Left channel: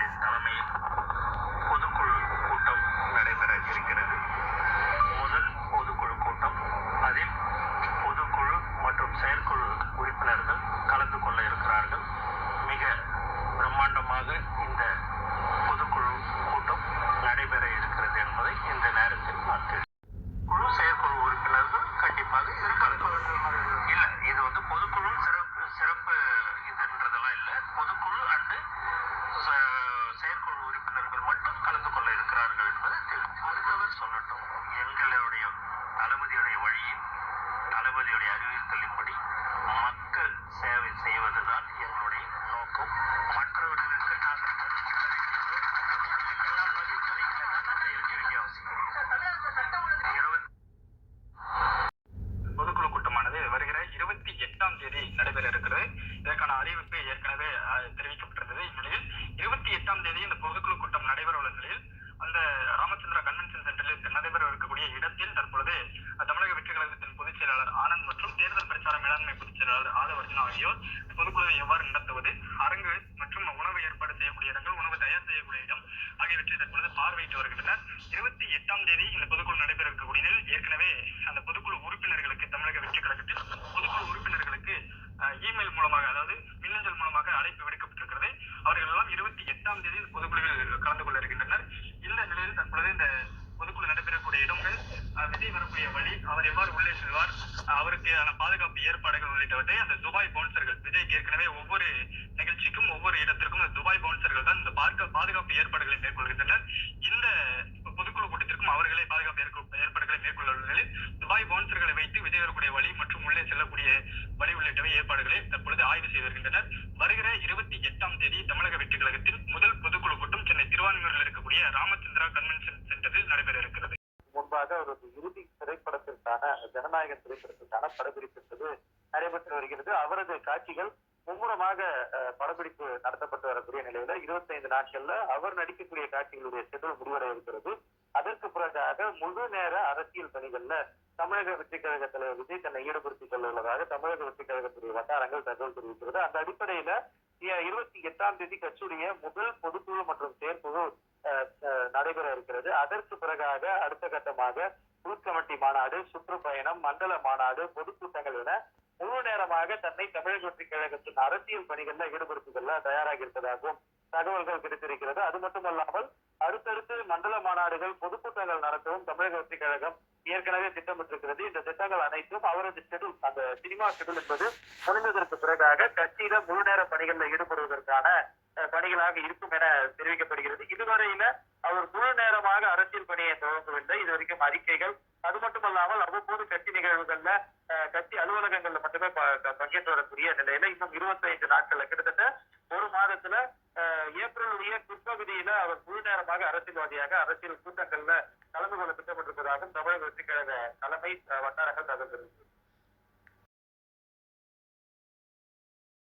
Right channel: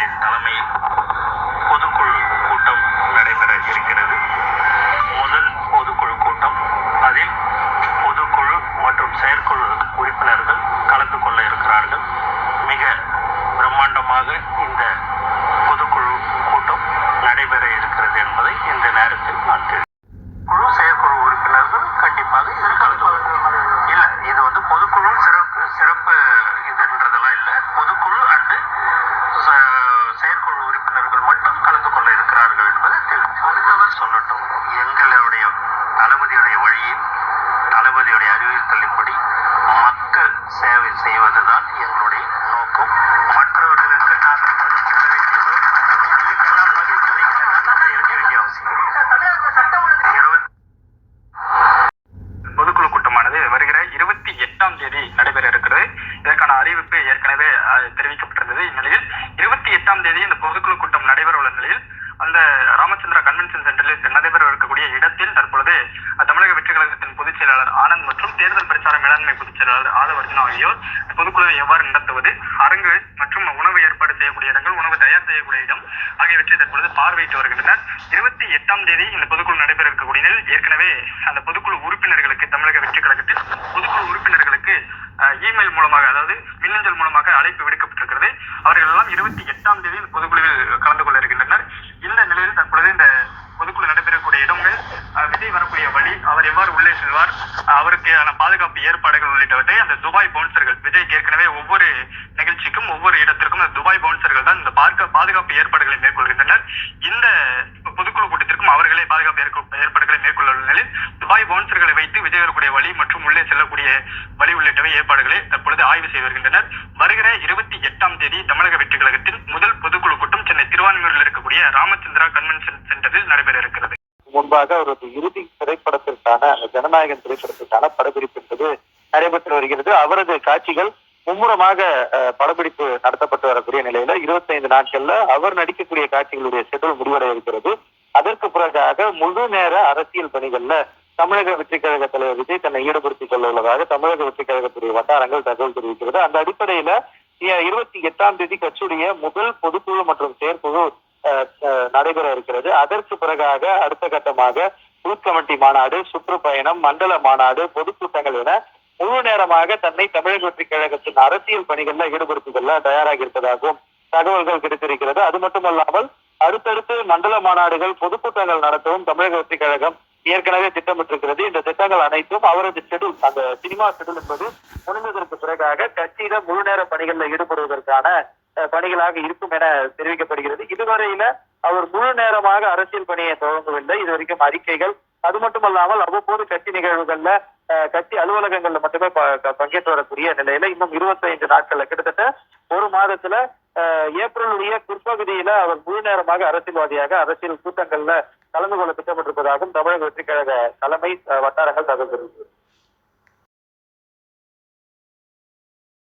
அவர்களின் தலைமையில் பொதுக்குழு கூட்டம் நடைபெற இருக்கிறது. முதல் பொதுக்குழு கூட்டம். அதில் பொதுக்குழு மற்றும் செயற்குழு உறுப்பினர்கள் கலந்து கொள்ள இருக்கிறார்கள். மிக பிரம்மாண்டமாக இந்த பொதுக்குழு கூட்டம் நடைபெற இருக்கிறது என்பதை இந்த நேரத்தில் நான் குழு செயற்குழு உறுப்பினர்கள் கண்டிப்பாக இதில் கலந்து இல்ல, இது பொதுக்குழு சிறப்பு இதுன்றதெல்லாம் இல்லை. பொதுக்குழு அண்டு செயற்குழு உறுப்பினர்கள் மட்டும் கலந்து கொள்ள இருக்கிறார்கள் என்பதை அடுத்தவர் சொல்லட்டும். எங்களுடைய தளபதியுடைய வழியில், தளபதியுடைய அறிவுறுத்தலின்படி மக்கள் சேவை செய்வதுதான் எங்களுடைய நோக்கம். மற்றவர்களுக்கு நாங்கள் பதில் சொல்ல வேண்டியதோ இதுக்கெல்லாம் பதில் சொல்லிக்கலாம் இருக்க வேண்டிய அவசியம். பொதுக்குழு கூட்டமானது வருகிற 28ஆம் தேதி நடைபெற இருக்கிறது. இதற்கான அறிவிப்பு ஏற்கனவே தெரிவிக்கப்பட்டிருந்தது. இந்நிலையில் 28ஆம் தேதி இந்த பொதுக்குழு கூட்டம் நடைபெற உள்ள நிலையில் அந்த ராமச்சந்திரா கன்வென்ஷன் சென்டரில் நடைபெற இருக்கக்கூடிய இடத்தில் தற்பொழுது தமிழக வெற்றி கழகத்தின் பொதுச் செயலாளர் ஆனந்த் மற்றும் தேர்தல் பிரச்சார மேலாண்மை பொதுச் செயலாளர் ஆதவர்ஜுனா ஆகியோர் பொதுக்குழுவை எவ்வாறு நடத்துவது, அரங்கு மற்றும் உணவு ஏற்பாடு செய்யக்கூடிய இடங்கள், உணவு தயார் செய்யக்கூடிய இடம் ஆகியவற்றை தற்பொழுது பார்வையிட்டு வருகின்றனர். 28ஆம் தேதி இந்த பொதுக்குழு நடைபெற இருக்கக்கூடிய நிலையில் ஏற்கனவே அந்த பொதுக்குழு உறுப்பினர்களுக்கு, தமிழக வெற்றி கழகத்தில் பொதுக்குழு உறுப்பினர்களுக்கு இமெயில் மூலமாக, அதாவது மின்னஞ்சல் மூலமாக அழைப்பு விடுக்கப்பட்டிருக்கிறது. அவர்கள் எல்லாம் 28ஆம் தேதி இந்த பொதுக்குழுவில் கலந்து கொள்ள இருக்கின்றனர். இந்த நிலையில் தற்பொழுது இந்த பொதுக்குழு நடைபெறக்கூடிய இடங்கள், விஜய் வரக்கூடிய வழி, அவர் எவ்வாறு உள்ளே செல்வார், அவருக்கான பாதுகாப்பு ஏற்பாடுகள் உள்ளிட்டவற்றை அந்த துபாய் பவுன்சர்கள், விஜய்க்கு ஏற்கனவே ஒவ்வொரு நிகழ்ச்சிக்கும் ஒவ்வொரு இடத்திற்கும் அந்த துபாய் பவுன்சர்கள் தான் இந்த பாதுகாப்பு ஏற்பாடுகளை மேற்கொள்கின்றனர். இந்த பொதுக்குழு கூட்டத்திற்கும் அவர்களே பாதுகாப்பு ஏற்பாடுகளை மேற்கொள்ள உள்ள நிலையில் துபாய் பவுன்சர்களை வைத்து விஜய் வரக்கூடிய வழி மற்றும் உள்ளே செல்லக்கூடிய வழி உள்ளிட்டவை ஏற்பாடுகளை தற்பொழுது ஆய்வு செய்து வருகின்றனர். வருகிற 28ஆம் தேதி தமிழக வெற்றி கழகத்தின் முதல் பொதுக்குழு கூட்டம் சென்னை திருவான்மியூரில் இருக்கக்கூடிய ராமச்சந்திரா கன்வென்ஷன் சென்டரில் நடைபெற இருக்கிறது. முன்பாக அவரது இறுதி திரைப்படத்திற்கான, ஜனநாயகன் திரைப்படத்திற்கான படப்பிடிப்பு என்பது நடைபெற்று வருகிறது. அவரது காட்சிகள் மும்முரமாக படப்பிடிப்பு நடத்தப்பட்டு வரக்கூடிய நிலையில 25 நாட்கள்ல அவர் நடிக்கக்கூடிய காட்சிகளுடைய ஷெட்யூல் முடிவடைய இருக்கிறது. அதற்கு பிறகாக முழு நேர அரசியல் பணிகள்ல தமிழக வெற்றி கழக தலைவர் விஜய் தன்னை ஈடுபடுத்திக் கொள்ள உள்ளதாக தமிழக வெற்றி கழகத்துடைய வட்டாரங்கள் தகவல் தெரிவிக்கிறது. அந்த அடிப்படையில 28ஆம் தேதி கட்சியுடைய முதல் பொதுக்குழு மற்றும் செயற்குழு நடைபெற இருக்கிறது. அதற்கு பிறகாக அடுத்த கட்டமாக பூத் கமிட்டி மாநாடு, சுற்றுப்பயணம், மண்டல மாநாடு, பொதுக்கூட்டங்கள் என முழு நேரமாக தன்னை தமிழக வெற்றி கழகத்தின் அரசியல் பணிகள்ல ஈடுபடுத்திக் கொள்ள தயாராகி இருப்பதாகவும் தகவல்கள் கிடைத்திருக்கிறது. அது மட்டுமல்லாமல் அடுத்தடுத்து மண்டல மாநாடுகள், பொதுக்கூட்டங்கள் நடத்தவும் தமிழக வெற்றி கழகம் ஏற்கனவே திட்டமிட்டிருக்கிறது. இந்த திட்டங்கள் அனைத்தும் அவரது ஷெட்யூல், அந்த சினிமா ஷெட்யூல் என்பது முடிந்ததற்கு பிறகாக கட்சியில முழு நேர பணிகளில் ஈடுபடுவதற்கான பணிகளாக இருக்கும் என தெரிவிக்கப்படுகிறது. இதுவரையில அவர் முழு நேரமாக அரசியல் பணியை தொடங்கவில்லை. இதுவரைக்கும் அறிக்கைகள், அது மட்டுமல்லாமல் அவ்வப்போது கட்சி நிகழ்வுகள்ல, கட்சி அலுவலகங்கள்ல மட்டுமே பங்கேற்று வரக்கூடிய நிலையில இன்னும் 25 நாட்கள்ல, கிட்டத்தட்ட ஒரு மாதத்துல ஏப்ரலுடைய பிற்பகுதியில அவர் முழு நேரமாக அரசியல்வாதியாக அரசியல் கூட்டங்கள்ல கலந்து கொள்ள திட்டமிட்டிருப்பதாகவும் தமிழக வெற்றி கழக தலைமை வட்டாரங்கள் தகவல் தெரிவித்தது.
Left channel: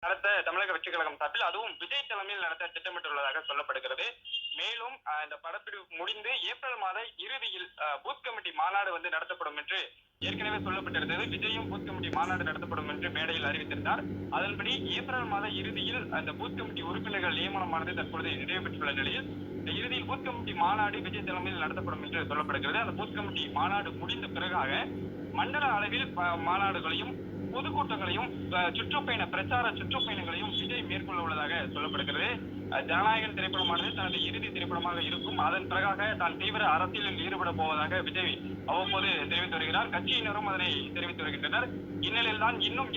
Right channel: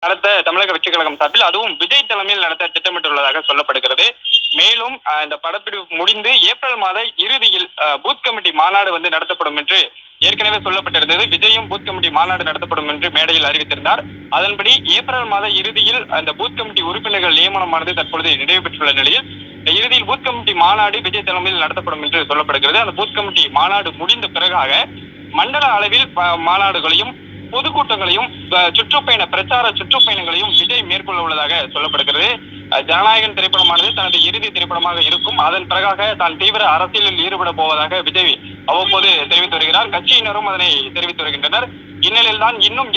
நடத்த தமிழக வெற்றி கழகம் சார்பில், அதுவும் விஜய் தலைமையில் நடத்த திட்டமிட்டுள்ளதாக சொல்லப்படுகிறது. மேலும் இந்த படப்பிடிப்பு முடிந்து ஏப்ரல் மாத இறுதியில் பூத் கமிட்டி மாநாடு நடத்தப்படும் என்று ஏற்கனவே சொல்லப்பட்டிருந்தது. விஜயும் பூத் கமிட்டி மாநாடு நடத்தப்படும் என்று மேடையில் அறிவித்திருந்தார். அதன்படி ஏப்ரல் மாத இறுதியில் அந்த பூத் கமிட்டி உறுப்பினர்கள் நியமனமானது தற்பொழுது நிறைவு பெற்றுள்ள நிலையில் இறுதியில் பூத் கமிட்டி மாநாடு விஜய் தலைமையில் நடத்தப்படும் என்று சொல்லப்படுகிறது. அந்த பூத் கமிட்டி மாநாடு முடிந்த பிறகாக மண்டல அளவில் மாநாடுகளையும் பொதுக்கூட்டங்களையும் பிரச்சார சுற்றுப்பயணங்களையும் விஜய் மேற்கொள்ள உள்ளதாக சொல்லப்படுகிறது. ஜனநாயகன் திரைப்படமானது தனது இறுதி திரைப்படமாக இருக்கும். அதன் பிறகாக தான் தீவிர அரசியலில் ஈடுபட போவதாக விஜய் அவ்வப்போது தெரிவித்து வருகிறார். கட்சியினரும் அதனை தெரிவித்து வருகின்றனர். இந்நிலையில் தான் இன்னும்